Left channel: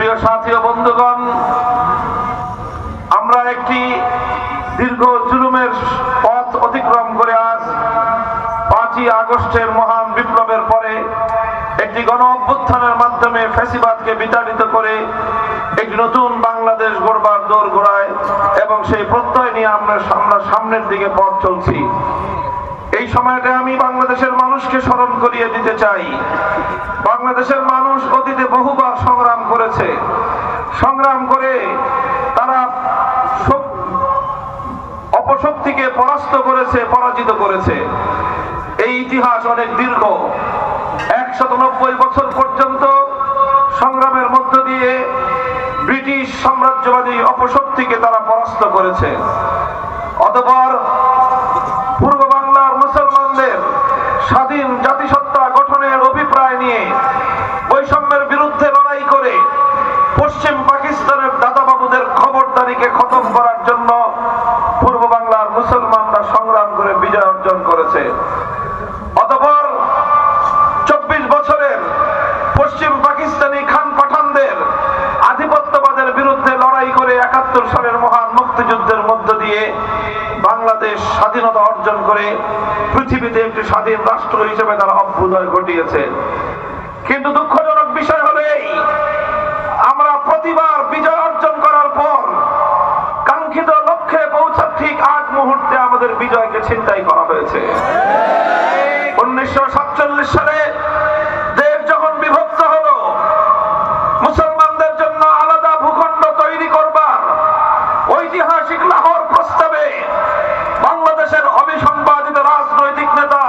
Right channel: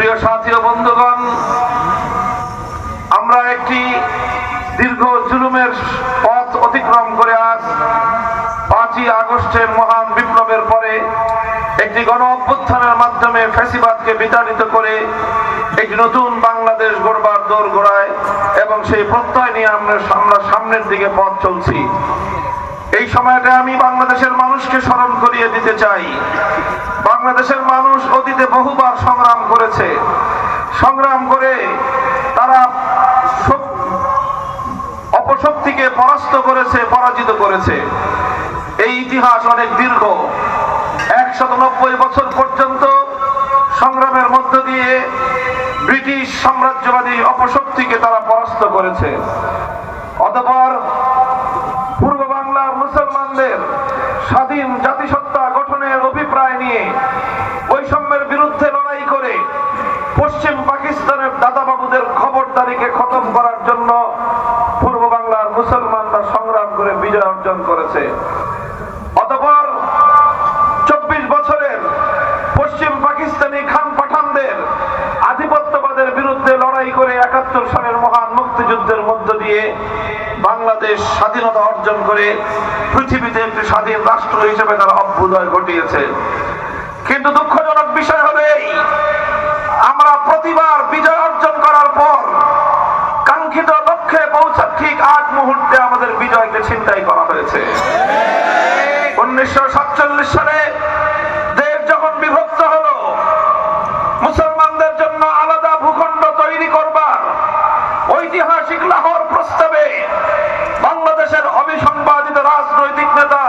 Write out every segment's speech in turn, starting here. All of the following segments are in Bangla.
প্রিয় সাথী ও বন্ধুগণ, আমরা একটি দীর্ঘ জুলুমের পথ অতিক্রম করে আজ 5ই আগস্টের মহান বিপ্লবের পরে একটি গণ অভ্যুত্থানের মাধ্যমে ফ্যাসিবাদকে বিতাড়িত করে একটি নতুন বাংলাদেশ গড়বার দোরগোড়ায় এবং সেই প্রত্যয় নিয়ে আমরা সামনের দিকে পথ চলছি। এই সময়টা আমি বাংলাদেশের মানুষকে স্মরণ করিয়ে দিতে চাই, বাংলাদেশের মানুষ অতীতে বহুবার সংগ্রাম করেছে। সংগ্রাম করে তারা অপশক্তিকে পরাস্ত করেছে, পরাজিত করেছে। এই ইতিহাস অনেক দীর্ঘ। 190 বছর পর্যন্ত সংগ্রামের মধ্য দিয়ে ব্রিটিশ সাম্রাজ্যবাদী অপশক্তিকে তারা পরাস্ত করেছে। অতঃপর পূর্ব বাংলার মুসলমানদের স্বাধীন জাতিসত্তা গঠনের অভিপ্রায় নিয়ে বৈষম্যের বিরুদ্ধে লড়াই করে পশ্চিম পাকিস্তানের দাদাবাবুদের খবরদারিকে খতম করার জন্য পূর্ব বাংলার মুসলমানরা সংগ্রাম করে বিজয় অর্জন করেছে। অতঃপর 24 বছরের পশ্চিম পাকিস্তানি খান পাঠানদের আধিপত্যবাদের বিরুদ্ধে লড়াই করে 71 সালের মহান মুক্তিযুদ্ধের মধ্য দিয়ে বাংলাদেশ স্বাধীনতা অর্জন করে পৃথিবীতে একটি স্বাধীন রাষ্ট্র হিসেবে তারা অভ্যুদয় ঘটিয়েছে। কিন্তু দুঃখজনক বিষয় হলো এই, আমরা প্রতিবার বিজয় অর্জন করার পর কাঙ্ক্ষিত লক্ষ্যে পৌঁছার ঠিক 8 মুহূর্তে আমাদের বিজয়কে ছিনতাই করা হয়েছে। 1947 সালে দেশ যখন বিভক্ত হলো, মুসলমানদের জন্য আলাদা ভূখণ্ড তৈরি করবার ঐতিহাসিক লাহোর প্রস্তাবে বাংলাদেশের অবিসংবাদিত রাজনৈতিক নেতা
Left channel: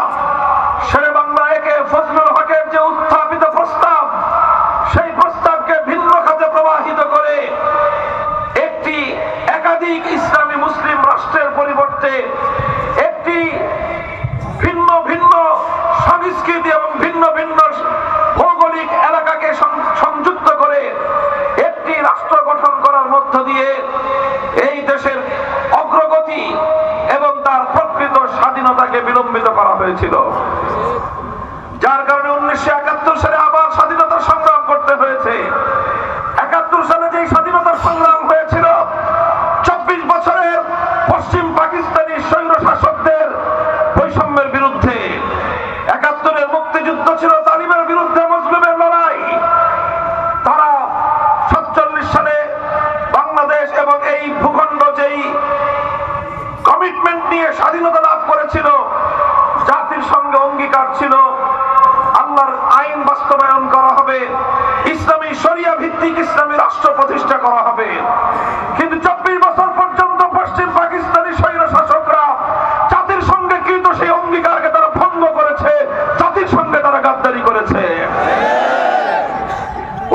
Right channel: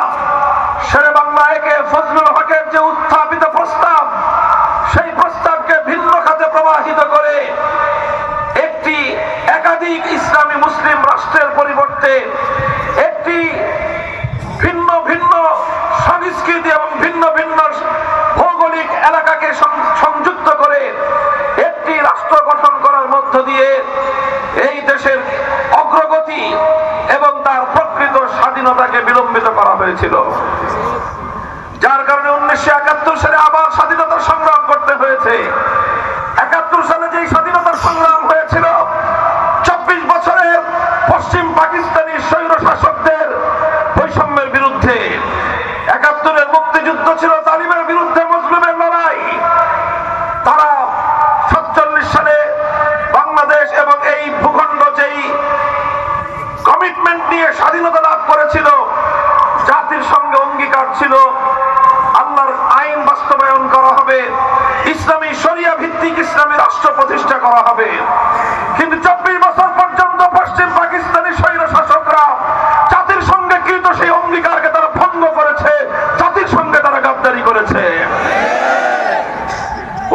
শেরে বাংলা একে ফজলুল হকের যে উত্থাপিত প্রস্তাব, সেই প্রস্তাবকে ভিন্ন খাতে প্রবাহিত করে একটি একাধিক ইসলামী মুসলিম রাষ্ট্রের পরিবর্তে একটি ভিন্ন ভিন্ন সংস্কৃতি এবং ভিন্ন ভিন্ন ভৌগোলিক এলাকাকে সংযুক্ত করে একটি রাষ্ট্র গঠন করার মধ্য দিয়ে এই দেশের অগ্রগতি এবং তার প্রকৃত স্বাধীনতাকে বিলম্বিত করা হয়েছিল। যার কারণে 1971 সালে আবার স্বাধীনতার সংগ্রাম করতে হয়েছে। 71 সালে যে স্বাধীনতার সংগ্রাম হয়েছিল 24 বছরের পশ্চিম পাকিস্তানি স্বৈর শাসকদের বৈষম্যের বিরুদ্ধে। 71-এর মুক্তিযুদ্ধ ছিল জালিমের বিরুদ্ধে মজলুমের লড়াই। তারা 47 সালে বাংলাদেশ এবং এই ভূখণ্ড যেই কমিটমেন্ট নিয়ে স্বাধীনতা লাভ করেছিল, জাতির সঙ্গে অঙ্গীকার ছিল আল্লাহর আইন বাস্তবায়ন করা হবে, ইসলামী শরিয়া ভিত্তিক ইসলামী রাষ্ট্র প্রতিষ্ঠা করা হবে। কিন্তু 24 বছর পর্যন্ত পশ্চিম পাকিস্তানি স্বৈর শাসকরা জাতির সঙ্গে কৃত সেই অঙ্গীকারকে তারা ভঙ্গ করেছে, জাতির সঙ্গে তারা গাদ্দারি করেছে।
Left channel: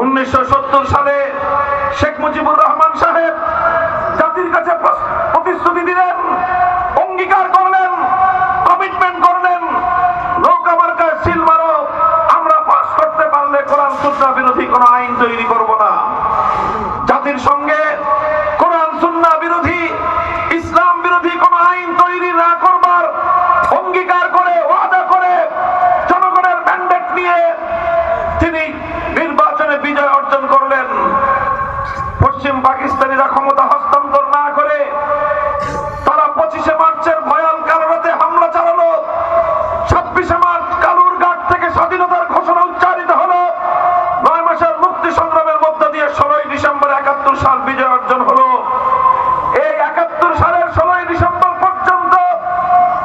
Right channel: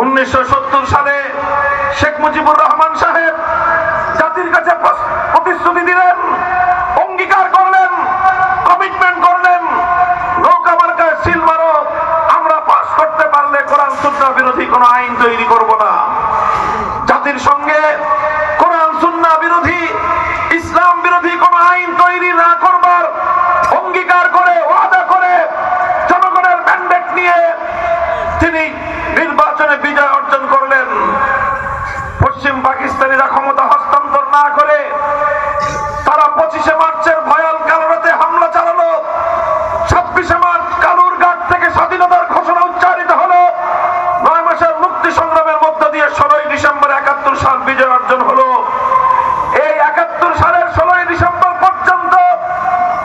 1970 সালে শেখ মুজিবুর রহমান সাহেব জাতির কাছে প্রতিশ্রুতি দিলেন, অঙ্গীকার করলেন, কমিটমেন্ট করলেন, নৌকা মার্কায় সিল মারো, আমরা পাস করতে পারলে কোরআন সুন্নাহ বিরোধী কোন আইন তৈরি করব না। জাতির সঙ্গে কোরআন সুন্নাহ বিরোধী, ইসলাম বিরোধী কোন আইন তৈরি না করবার অঙ্গীকার করে, ওয়াদা করে, জনগণের ম্যান্ডেট নিয়ে তিনি নির্বাচনে বিজয় অর্জন করলেন। পশ্চিম পাকিস্তানিরা ক্ষমতা হস্তান্তর না করে তারা 25শে মার্চের ভয়াল কালো রাতে হামলা চালালো। 26শে মার্চ কালুরঘাট থেকে স্বাধীনতার ঘোষণা উচ্চারিত হলো। 9 মাসের মুক্তি সংগ্রামের মধ্য দিয়ে 16ই ডিসেম্বর 71 সাল বিজয় অর্জন হলো। এই 71 সালের 16ই ডিসেম্বর পর্যন্ত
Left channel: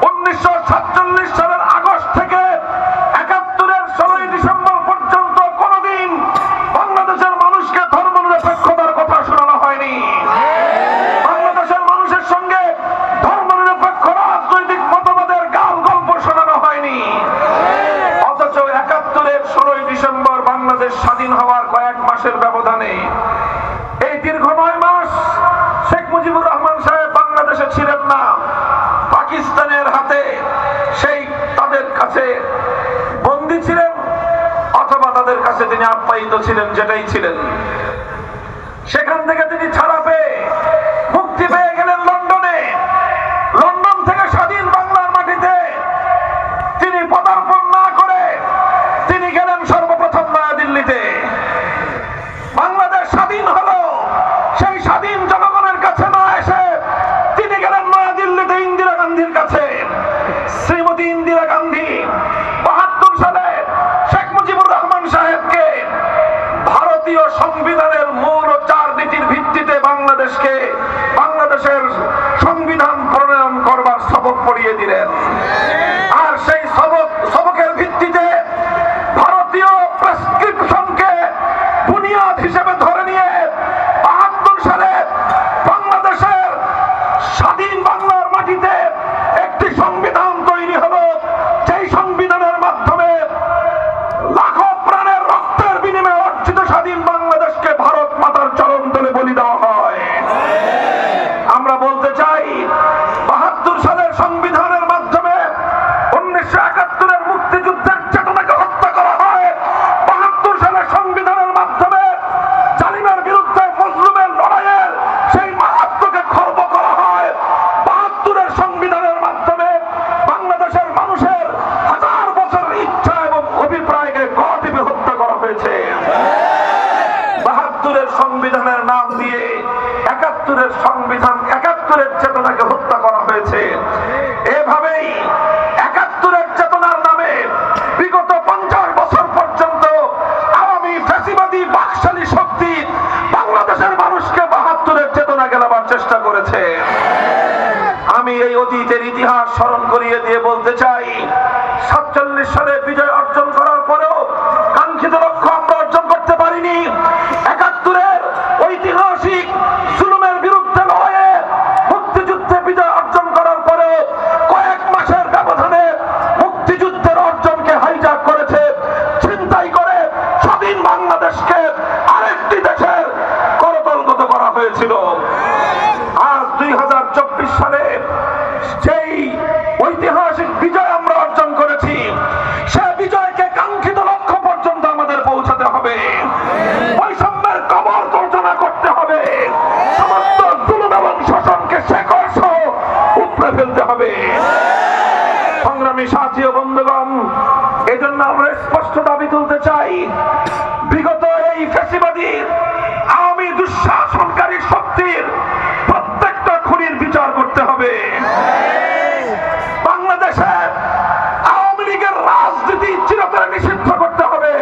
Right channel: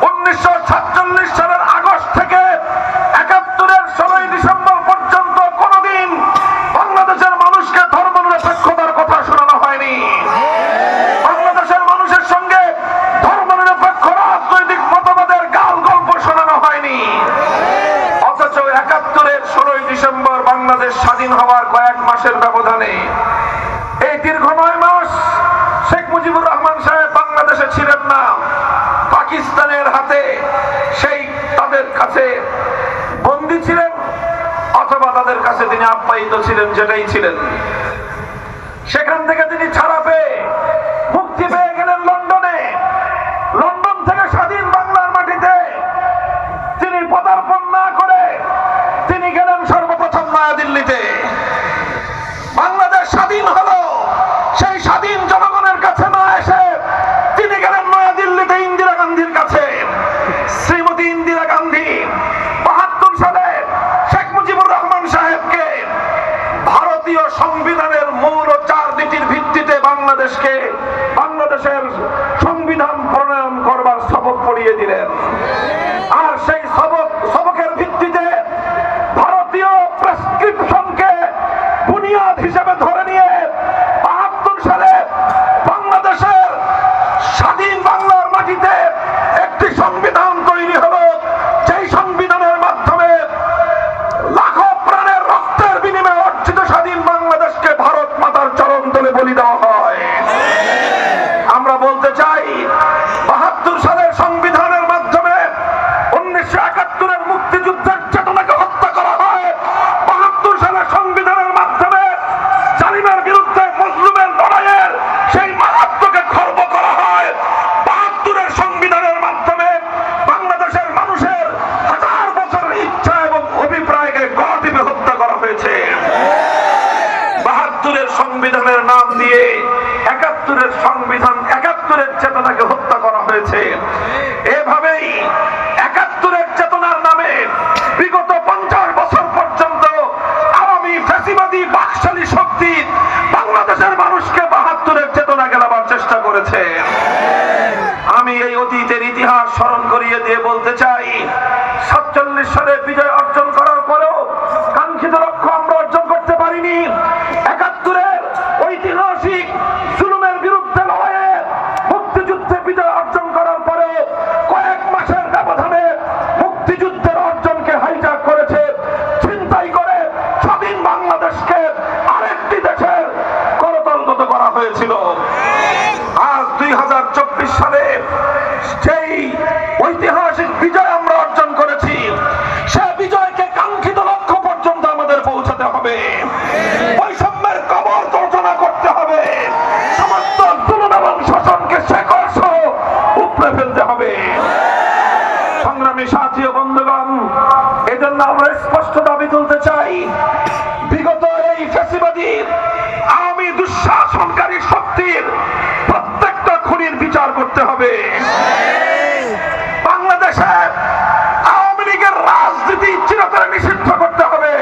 1947 সালের আগস্ট থেকে 71-এর 16ই ডিসেম্বর পর্যন্ত কোনদিন বাংলাদেশের মানুষকে ধর্মনিরপেক্ষতার কথা শোনানো হয়নি। বাংলাদেশের মানুষের সঙ্গে ধর্মনিরপেক্ষ রাজনৈতিক মতবাদের গাল গল্প শোনানো হয়নি। অথচ 71-এর 16ই ডিসেম্বর বাংলাদেশ স্বাধীন হওয়ার কয়েক মাসের ব্যবধানে, এই দীর্ঘ 9 মাস শেখ মুজিবুর রহমান সাহেব বাংলাদেশে ছিলেন না, পাকিস্তানের হাতে সেই তাদের কাছে বন্দী ছিলেন অথবা তাদের কাছে তিনি আপ্যায়িত ছিলেন, যেটাই ছিলেন। সেখান থেকে তিনি ছাড়া পেয়ে মুক্তি পেয়ে গেলেন লন্ডনে। লন্ডন থেকে স্বাধীন বাংলার মাটিতে তিনি পদার্পণ না করে তিনি গেলেন সর্বপ্রথম নয়াদিল্লিতে। বাংলাদেশ ভারতীয় সংবিধানের মূল ও 4 নীতির ভিত্তিতে বাংলাদেশের সংবিধান প্রণয়ন করবার সবক পড়িয়ে দিলেন। আর সেই সবকের ভিত্তিতে ভারতীয় প্রেসক্রিপশনকে বুনিয়াদ হিসেবে ধরে নিয়ে ৭২ সালে বাংলাদেশের স্বাধীন বাংলার মাটিতে একটি সংবিধান তৈরি হলো, যেই সংবিধানের মাধ্যমে লাখো প্রাণের রক্তের বিনিময়ে অর্জিত স্বাধীন বাংলাদেশকে ভারত মাতার চরণ তলে বলি দেওয়া হয়। আমরা বলতে চাই ৭২ সালের সংবিধানের মাধ্যমে ১৯৭১-এর মুক্তিযুদ্ধের চেতনাকে হত্যা করা হয়। ৭২ সালের সংবিধানের মাধ্যমে জালিমের বিরুদ্ধে মজলুমের লড়াইয়ের সেই মাহাত্ম্যকে খর্ব করা হয়। ৭২-এর সংবিধানের মাধ্যমে বাংলাদেশের মানুষের হাজার বছরের ইচ্ছা এবং অভিপ্রায়কে গতিবে হত্যা করা হয়েছে। ৭২-এর সংবিধানের নাম দিয়ে ৭১-এর সংবিধান ৭১-এর চেতনাকে হত্যা করা হয়েছে। এভাবেই ৭১-এর চেতনার নামে বিগত ৫০ বছর পর্যন্ত আওয়ামী ফ্যাসিবাদী বাকশালী শক্তি বাংলাদেশের মানুষকে ৭২-এর চেতনা গেলাবার চেষ্টা করেছে। আমি এই অতীতের ইতিহাস স্মরণ করিয়ে দিয়ে বলতে চাই, ৪৭ সালে বিজয় অর্জন করার পরেও কাঙ্ক্ষিত লক্ষ্য আমরা অর্জন করতে পারিনি। ৭১-এর ঐতিহাসিক জুলুমের বিরুদ্ধে লড়াইয়ে মুক্তিযুদ্ধে বিজয় অর্জন করার পরে কয়েক মাসের ব্যবধানে মুক্তিযুদ্ধের অর্জনকে হাইজ্যাক করেছে, ছিনতাই করে স্বাধীন বাংলাদেশকে আরেকটি দেশের করতলগত করা হয়েছিল। আজ ২০২৪ সালে সেই ঐতিহাসিক বিজয় আমরা অর্জন করেছি, সে বিজয়কে কাঙ্ক্ষিত লক্ষ্য পর্যন্ত আমাদের পৌঁছাতে হবে। বৈষম্যের কবর তর্জনা করতে হবে, সমস্ত জুলুম এবং শাসনকে শেকড় সহ উপড়ে ফেলতে হবে। সংগ্রামী সাথী ও বন্ধুগণ, এজন্য আমরা স্পষ্ট দাবি তুলতে চাই, বিগত এই ফ্যাসিবাদী আওয়ামী দুঃশাসনকারী শক্তির প্রত্যেকটা খুনির বিচার করতে হবে। বাংলাদেশে আওয়ামী লীগের রাজনীতি চিরতরে নিষিদ্ধ করতে হবে।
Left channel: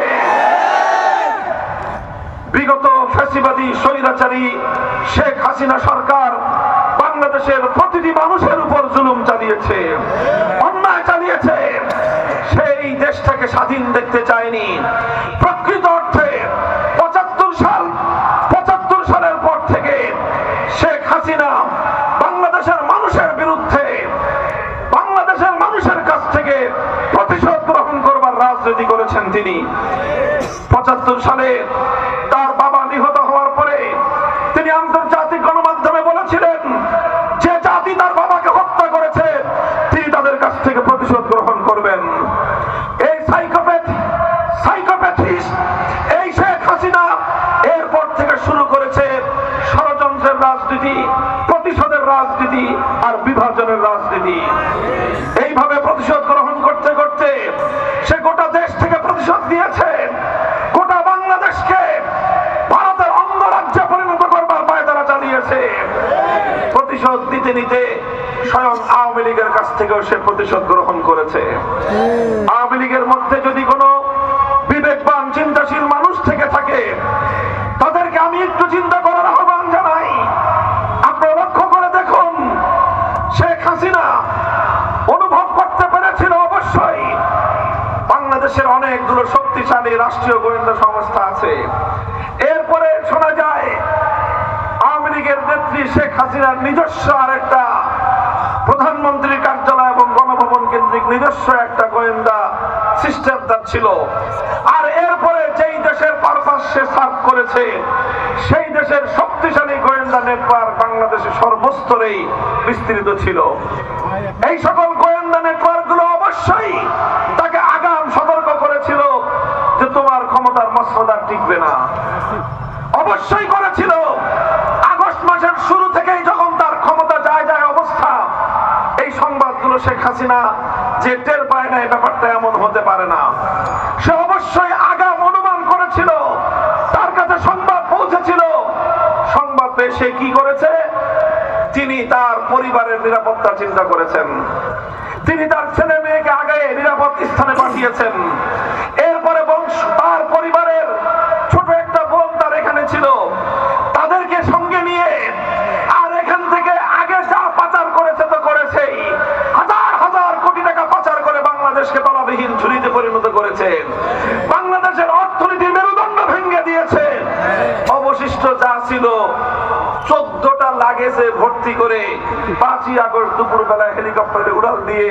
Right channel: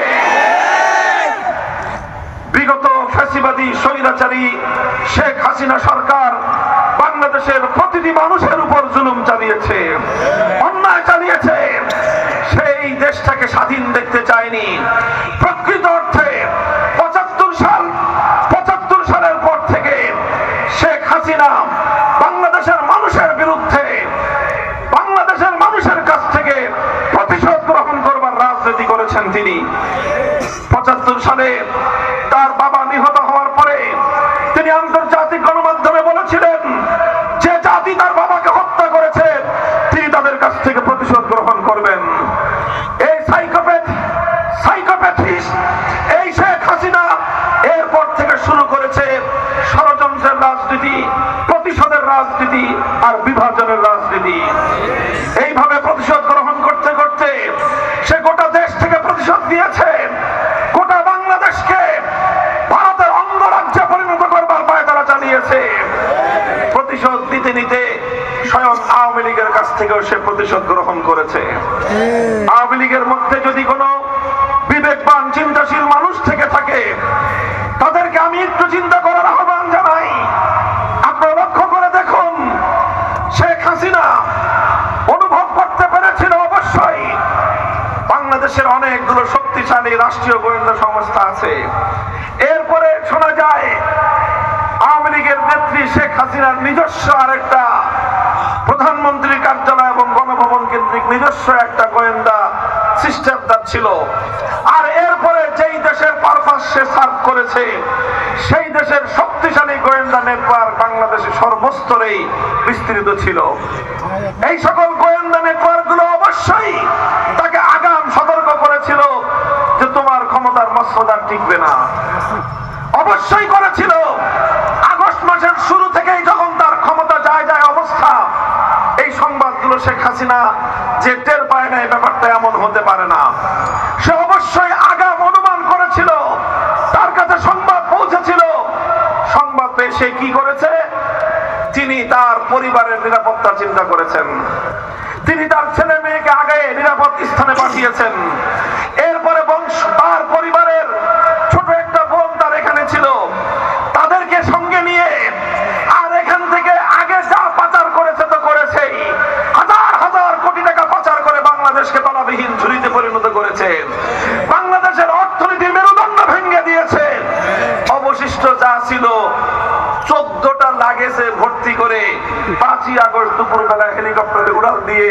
বিগত ফ্যাসিবাদী স্বৈরাচারী শেখ হাসিনা সরকার বাংলাদেশের প্রতিটি মানুষের উপর জুলুম চালিয়েছে, অন্যায় চালিয়েছে। সেই দেশটাকে স্বাধীন দেখতে চায়নি। প্রকৃত অর্থে ৭৫ সালের পর থেকে শেখ হাসিনা বাংলাদেশের মানুষের বিরুদ্ধে বাংলাদেশের মানুষের কাছ থেকে প্রতিশোধ গ্রহণ করবার রাজনীতি করেছেন তিনি। ৭৫ সালে তার বাবা নিহত হওয়ার পরে তিনি আন্তর্জাতিক গণমাধ্যমে বলেছিলেন, যে জাতি তার বাবাকে হত্যা করেছে তিনি তাদের কাছ থেকে প্রতিশোধ গ্রহণ করবেন। এই সাইকোপ্যাথিস্ট এই শেখ হাসিনা এরপর থেকে শুরু করেছে ষড়যন্ত্রের রাজনীতি, প্রতিশোধের রাজনীতি আর বিভাজনের রাজনীতি। এইভাবে প্রতিশোধ গ্রহণ করতে করতে সে গোটা দেশ থেকে প্রতিশোধ দিয়েছে, গোটা বাংলাদেশকে ভারতের অঙ্গরাজ্যে পরিণত করবার পায়তারা চালিয়েছে। প্রতিশোধ নিতে নিতে স্বয়ং আওয়ামী লীগের কাছ থেকেও সে প্রতিশোধ গ্রহণ করেছে। আওয়ামী লীগের মধ্যে যদি কোনো বিবেকবান চিন্তাশীল মানুষ থেকে থাকে, তাদেরকে আমি একটু চিন্তা করার আহ্বান জানাই। আপনারা লক্ষ্য করে দেখুন, শেখ হাসিনা অনুভব করতে পেরেছিল অবশ্যই বাংলাদেশের অনেকগুলো শক্তিশালী রাষ্ট্রীয় গোয়েন্দা সংস্থা আছে। এরপরে শোনা যায় আওয়ামী লীগের নেত্রী শেখ হাসিনার নিজস্ব আরেকটা প্রধানমন্ত্রীর কার্যালয় এবং গণভবন কেন্দ্রিক নিজস্ব একটা গোয়েন্দা সিস্টেম তার ছিল। আর এরপরে যেই দেশের পারপাস সে সার্ভ করেছে, সেই দেশের শক্তিশালী গোয়েন্দা নেটওয়ার্ক বাংলাদেশের সর্বস্তরেই বিস্তৃত ছিল। এই সকল গোয়েন্দা নেটওয়ার্কগুলো অবশ্যই তাকে আগাম সতর্ক করেছিল যে তোমার ক্ষমতার মসনদ আর টিকবে না। অবশ্যই করেছিল। আগস্ট মাসের শুরু থেকেই যখন তার ক্ষমতা যায় অবস্থা, এই সংবাদগুলো শেখ হাসিনা যে টের পায় না এই ব্যাপারটা এমন হতে পারে না। সে অবশ্যই আগাম অনুমান করেছিল, তার কাছে সংবাদ পৌঁছেছিল। সংবাদ পেয়ে সে কি করেছে? তিনি তার পরিবারের নিরাপত্তা চিন্তা করেছেন। তিনি তার ছেলে মেয়েকে আগে নিরাপদ স্থানে পাঠিয়েছেন। এরপরে তার পরিবারের ছোট একটা বোন তার ছিল 14টা লাগেজে ভর্তি করে 5ই আগস্ট দুপুরবেলায় হেলিকপ্টারে উড়াল দিয়ে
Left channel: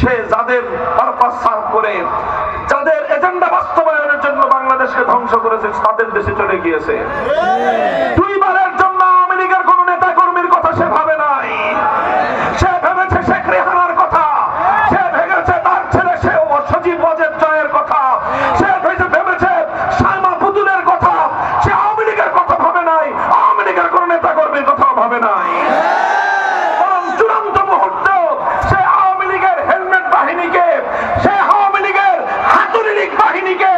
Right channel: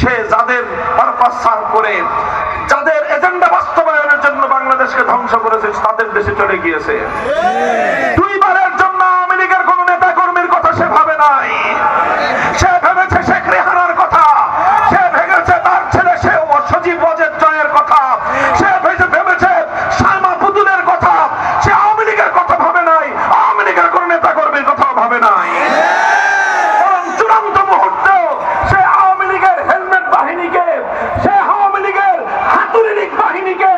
সে যাদের পারপাস সার্ভ করে, যাদের এজেন্ডা বাস্তবায়নের জন্য বাংলাদেশকে ধ্বংস করেছে, তাদের দেশে চলে গিয়েছে। দুইবারের জন্য আওয়ামী লীগের কোন নেতা কর্মীর কথা সে ভাবে নাই। সে ভেবেছে শেখ রেহানার কথা, সে ভেবেছে তার ছেলে সে সজীব ওয়াজেদ জয়ের কথা, সে ভেবেছে শামা পুতুলের কথা। সে আওয়ামী লীগের কথা ভাবে নাই, আওয়ামী লীগের কোন নেতা কর্মীর কথা ভাবে নাই। বরং চূড়ান্ত মুহূর্তেও সে আওয়ামী লীগের হেলমেট বাহিনীকে, সে আওয়ামী লীগের হাতুড়ি লীগ বাহিনীকে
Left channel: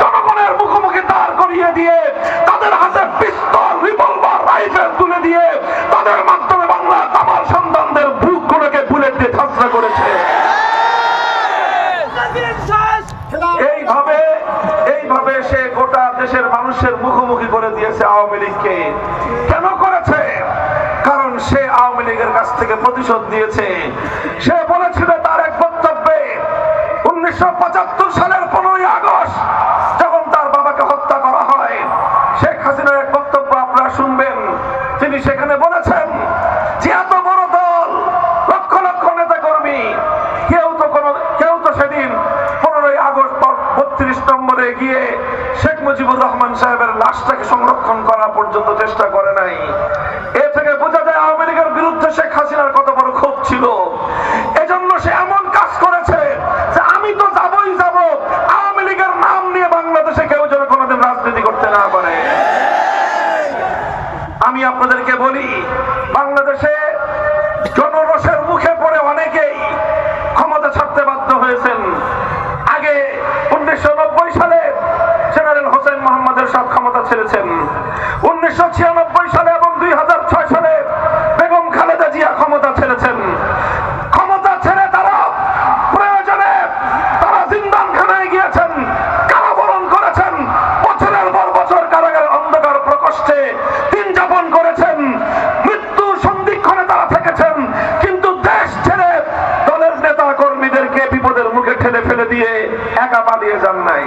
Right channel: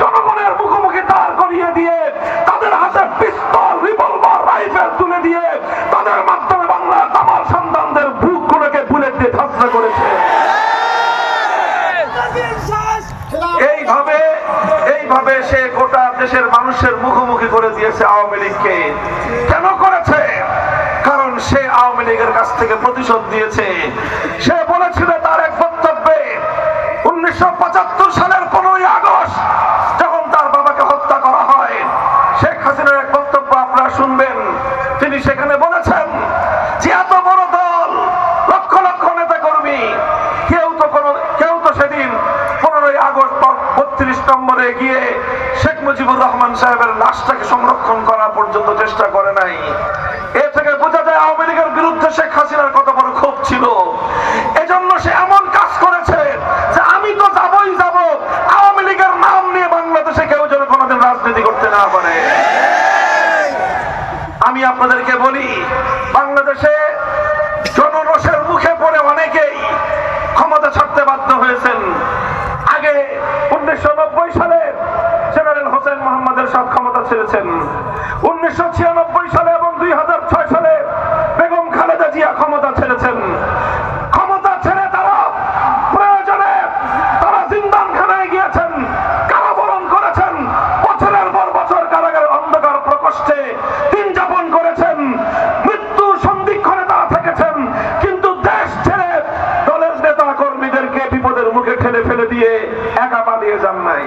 জনগণের মুখোমুখি দাঁড় করিয়ে দিয়ে তাদের হাতে পিস্তল, রিভলভার, রাইফেল তুলে দিয়ে তাদের মাধ্যমে বাংলার তামার সন্তানদের বুকগুলোকে বুলেট দিয়ে ধ্বংস করেছে। এইভাবে সে গোটা দেশের মানুষের মুখোমুখি করে দিয়েছে আওয়ামী লীগকে। কেন করেছে? কারণ সে আওয়ামী লীগের কাছ থেকে প্রতিশোধ দিয়েছে। সে বলেছিল তার এক বক্তব্যে 1975 সালের 15ই আগস্ট যখন তার বাবাকে হত্যা করা হয়, শেখ হাসিনার এক বক্তব্য আপনারা শুনবেন। তিনি সেখানে বলেছেন যে এত বড় দল, লক্ষ লক্ষ নেতা কর্মী, কেউ তো সেদিন 15ই আগস্ট 32 নম্বরে গিয়ে শেখ মুজিবুর রহমান সাহেবের লাশটাকে সংরক্ষণ করা পর্যন্ত চেষ্টা করে নাই। এ থেকে বোঝা যায় আওয়ামী লীগের বিরুদ্ধে শেখ হাসিনার কত বড় ক্ষোভ ছিল। এজন্য সে এমন কাজ করেছে যে আমি তো যাবই যাব, আওয়ামী লীগের নাম নিয়ে বাংলাদেশে কেউ যেন কোনোদিন রাজনীতি করতে না পারে। আমি আপনাদেরকে বলি, বাংলাদেশে জনরোষের মুখে পড়ে অনেকেই ক্ষমতা ছাড়তে বাধ্য হয়েছেন। আগে 1990 সালে জেনারেল হোসেন মোহাম্মদের সাথে ক্ষমতা ছেড়েছেন। 1996 সালে এবং 2006 সালে বেগম খালেদা জিয়া ক্ষমতা ছেড়েছেন। ক্ষমতা ছেড়ে তারা প্রয়োজনে তারা জিন্দানখানায় গিয়েছেন, কারাবরণ করেছেন, বছরের পর বছর কারাগারের অন্ধকার প্রকোষ্ঠে দিন যাপন করেছেন, মৃত্যুর সন্ধিক্ষণে তারা থেকেছেন। কিন্তু দেশ ছেড়ে দলের নেতা কর্মীদেরকে বিপদের মুখে ঠেলে ফেলে দিয়ে একা পালিয়ে যান নাই।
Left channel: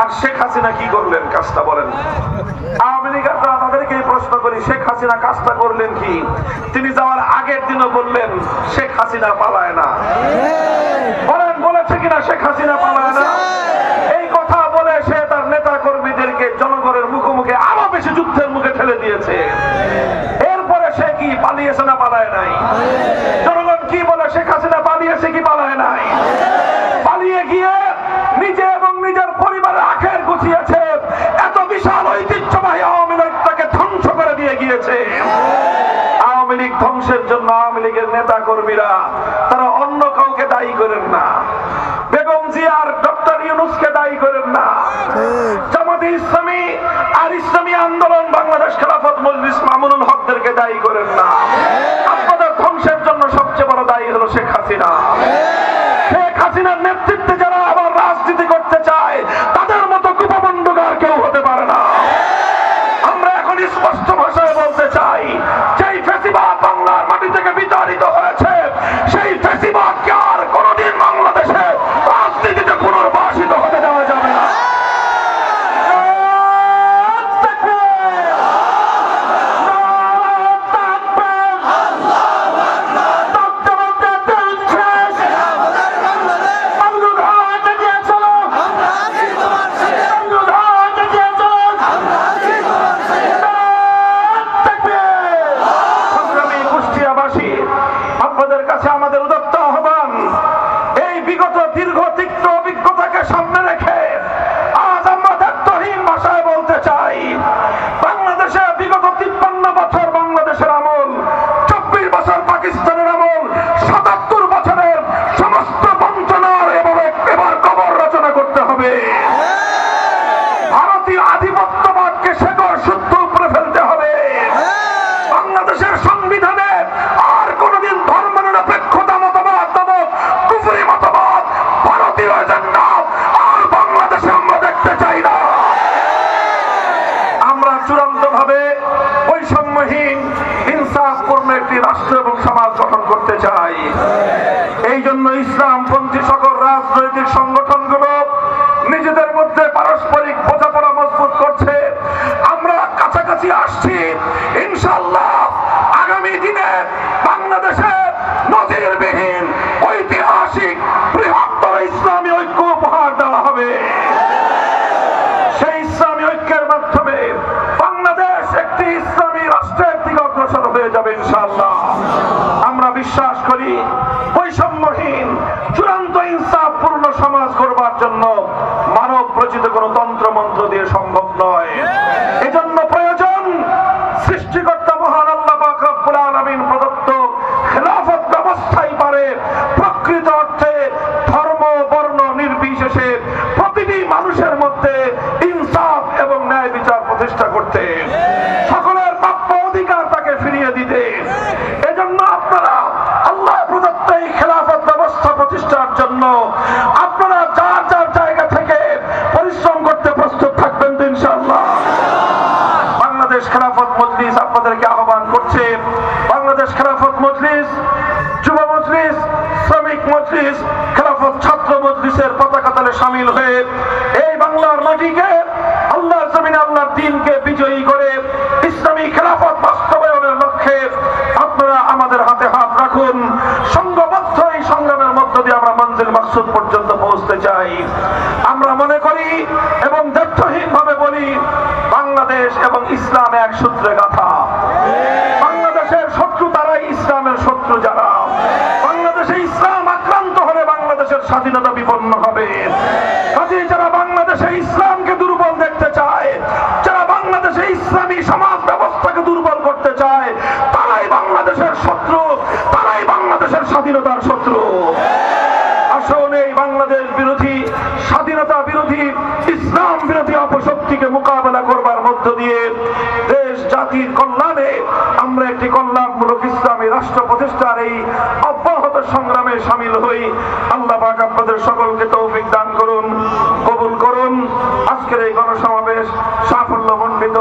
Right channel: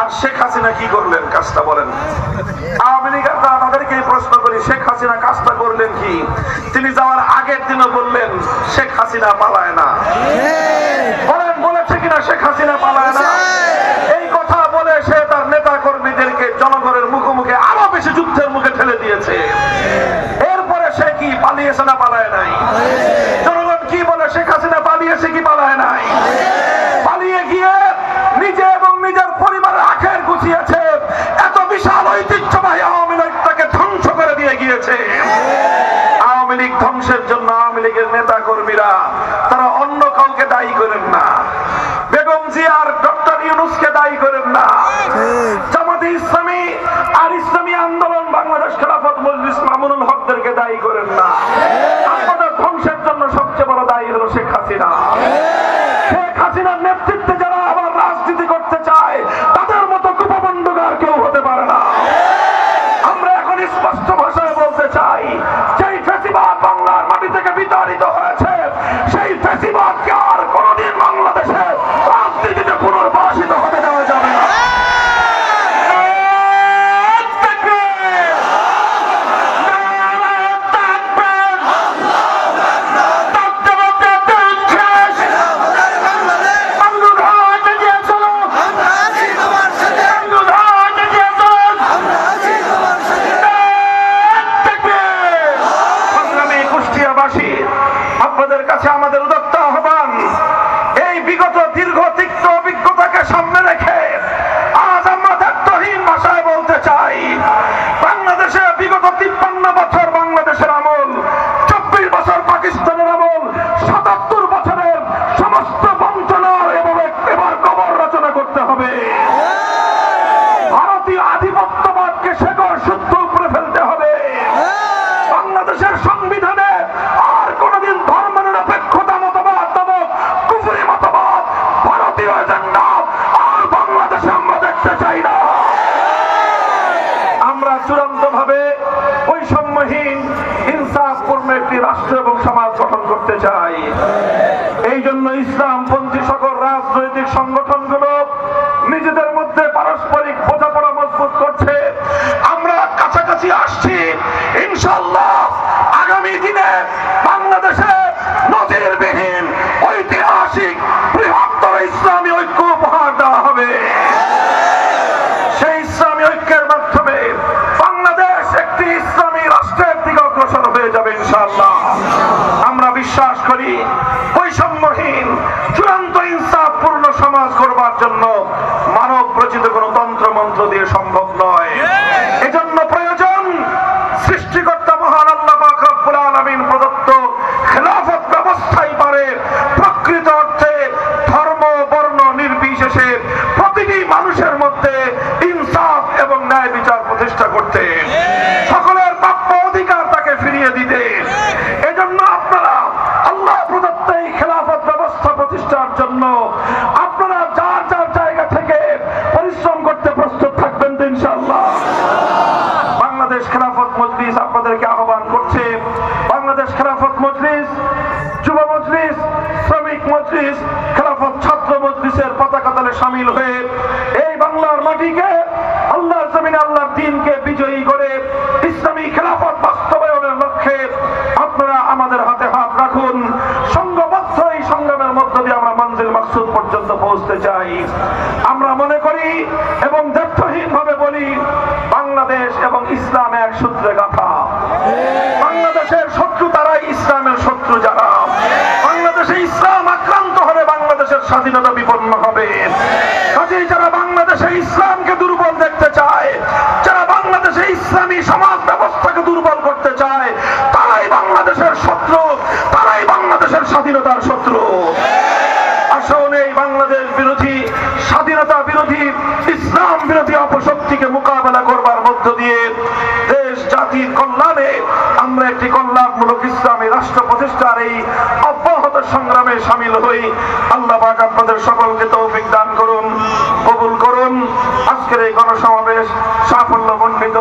আর শেখ হাসিনা কি করলেন কাজটা বলেন? আওয়ামী লীগের তাদেরকে প্রশ্ন করি, শেখ হাসিনা কাজটা করলেন কি? তিনি যাওয়ার আগের দিনও বললেন শেখ হাসিনা পালায় না। বলেন বলেছে কিনা শেখ হাসিনা পালায় না? এই কথা বলে সে তার নেতা কর্মীদেরকে জনগণের মুখোমুখি আরো বেশি যুদ্ধের মুখে ঠেলে দিয়েছে। এরপরে সে কি পালিয়েছে না পালায় নাই? জনগণ কি বলে, শেখ হাসিনা পালিয়েছে কি পালায় নাই? পালিয়ে গিয়ে নিজে এবং নিজের পরিবারের আখের গুছিয়েছে। এত বিশাল ঐতিহ্যবাহী আওয়ামী লীগটাকে ধ্বংস করে দিয়ে গিয়েছে। আওয়ামী লীগ ধ্বংসের জন্য আওয়ামী লীগের নেতা কর্মীরা তারা অন্য কাউকে দায়ী করেন না, বেগম জিয়া আর ডক্টর ইউনূসকে দায়ী করেন না, জামাতে ইসলামী আর ইসলামী আন্দোলন বাংলাদেশ খেলাফত মজলিস মামুনুল হকদেরকে দায়ী করেন না। আমাদের ধ্বংসের জন্য সবচেয়ে বড় দায়ী হলো শেখ হাসিনা। শেখ হাসিনার নেতৃত্বে যারা আবার রাজনীতি করতে চায় তাদের মতো কুপমণ্ডগার কেউ হতে পারে না। আমরা এখন স্পষ্ট ভাষায় বলতে চাই, যেই ফ্যাসিবাদ বাংলার মাটি থেকে বিতাড়িত হয়েছে, সেই ফ্যাসিবাদকে আর কোনোদিন বাংলাদেশে রাজনীতিতে পুনর্বাসিত হতে দেওয়া যাবে না। আপনাদের কাছে আমাদের উদাত্ত আহ্বান, এই বিগত দীর্ঘ তিক্ত অভিজ্ঞতাকে সামনে রেখে আজ আমরা দায়িত্বহীন ভাষায় বলতে চাই, বাংলাদেশে বিগত 53 বছর বাংলাদেশের আমল, 24 বছর পাকিস্তানের আমল, 77 বছরের সমস্ত বঞ্চনার এবার কবর রচনা করতে হবে। ভারতীয় আধিপত্যবাদকে শেকড় শুদ্ধ করে ফেলতে হবে। বাংলাদেশের সংবিধানে আর কোনদিন ধর্মনিরপেক্ষতা মতবাদ নামক কুফরি মতবাদ, ভারতীয় এজেন্ডা আর বাংলাদেশে আমরা দেখতে চাই না। আমরা চূড়ান্ত ভাবে বৈষম্যহীন ইনসাফপূর্ণ একটি রাষ্ট্র এবং সমাজ গঠন করতে চাই। এই জন্য ইসলামপন্থী সকল রাজনৈতিক সংগঠনগুলো নিজেদের মধ্যে পারস্পরিক বোঝাপড়া মজবুত করছে। আমরা কাছাকাছি আসছি। ইনশাআল্লাহ আগামী দিনে বাংলাদেশে নজিরবিহীন ঐতিহাসিক বৃহত্তর ইসলামী ঐক্য উপহার দেওয়া হবে। সেই ইসলামী ঐক্যের মাধ্যমে বাংলাদেশ একটি ইসলামী রাষ্ট্রের দিকে অগ্রসর হয়ে যাবে ইনশাআল্লাহ। আমরা বিশ্বাস করি বৈষম্যহীন চূড়ান্ত ইনসাফপূর্ণ সমাজ করবার জন্য মানব রচিত কোন তন্ত্র মন্ত্র দিয়ে সম্ভব নয়। এজন্য প্রয়োজন সৃষ্টিকর্তা মহান আল্লাহ পাক রব্বুল আলামিন প্রদত্ত খেলাফত ব্যবস্থাই পারে প্রকৃত অর্থে ধর্ম বর্ণ নির্বিশেষে প্রতিটি মানুষের মধ্যে ইনসাফ এবং ন্যায় বিচার প্রতিষ্ঠা করতে, সকলের প্রাপ্য অধিকার তাকে ফিরিয়ে দিতে। এজন্য আপনারা আল্লাহ প্রদত্ত এই খেলাফত ব্যবস্থা প্রতিষ্ঠার জন্য আপনারা যার যার জায়গা থেকে পরিশ্রম করতে প্রস্তুত থাকবেন তো ইনশাআল্লাহ। বাংলাদেশ খেলাফত মজলিস আপনাদেরকে আহ্বান করছে। বাংলাদেশ খেলাফত মজলিস, যুব মজলিস, শ্রমিক মজলিস, খেলাফত ছাত্র মজলিসের পতাকা তলে শামিল হয়ে এই বাংলার মাটিকে আল্লাহর জমিনে আল্লাহর দ্বীনকে বিজয়ী করে ইসলামী খেলাফত বাস্তবায়নের লক্ষ্যে আপনারা আমাদের হাতে হাত রাখুন। সংঘবদ্ধ এই সংগ্রামের মধ্য দিয়ে আমরা মঞ্জিল মাকসুদ পর্যন্ত পৌঁছতে চাই। আমরা মনে করি এবং দ্ব্যর্থহীন ভাবে বলি, বাংলাদেশ এবং ইসলাম এক সূত্রে গাঁথা। বাংলাদেশের শত্রু তারাই, ইসলামের শত্রু যারা। বাংলাদেশে ইসলাম আক্রান্ত হলে বাংলাদেশের স্বাধীনতা বিপন্ন হবে। কাজেই যারা বাংলাদেশে ইসলামকে দুর্বল দেখতে চায়, যারা বাংলাদেশে ইসলামী সমাজ ব্যবস্থাকে দুর্বল করতে চায়, তারাই বাংলাদেশের শত্রু, তারাই বাংলাদেশের স্বাধীনতার শত্রু। আসুন এই বাংলাদেশ বিরোধী, স্বাধীনতা বিরোধী, ইসলাম বিরোধী অপশক্তিকে মোকাবেলা করবার মধ্য দিয়ে দেশ জাতির কল্যাণে আমরা একটি কল্যাণমূলক ইসলামী রাষ্ট্র প্রতিষ্ঠার এই অব্যাহত সংগ্রামে সামিল হই। আল্লাহ পাক আপনাদের সকলকে তৌফিক দান করুন, কবুল করুন। আজকের এই গণসমাবেশ সাফল্যমণ্ডিত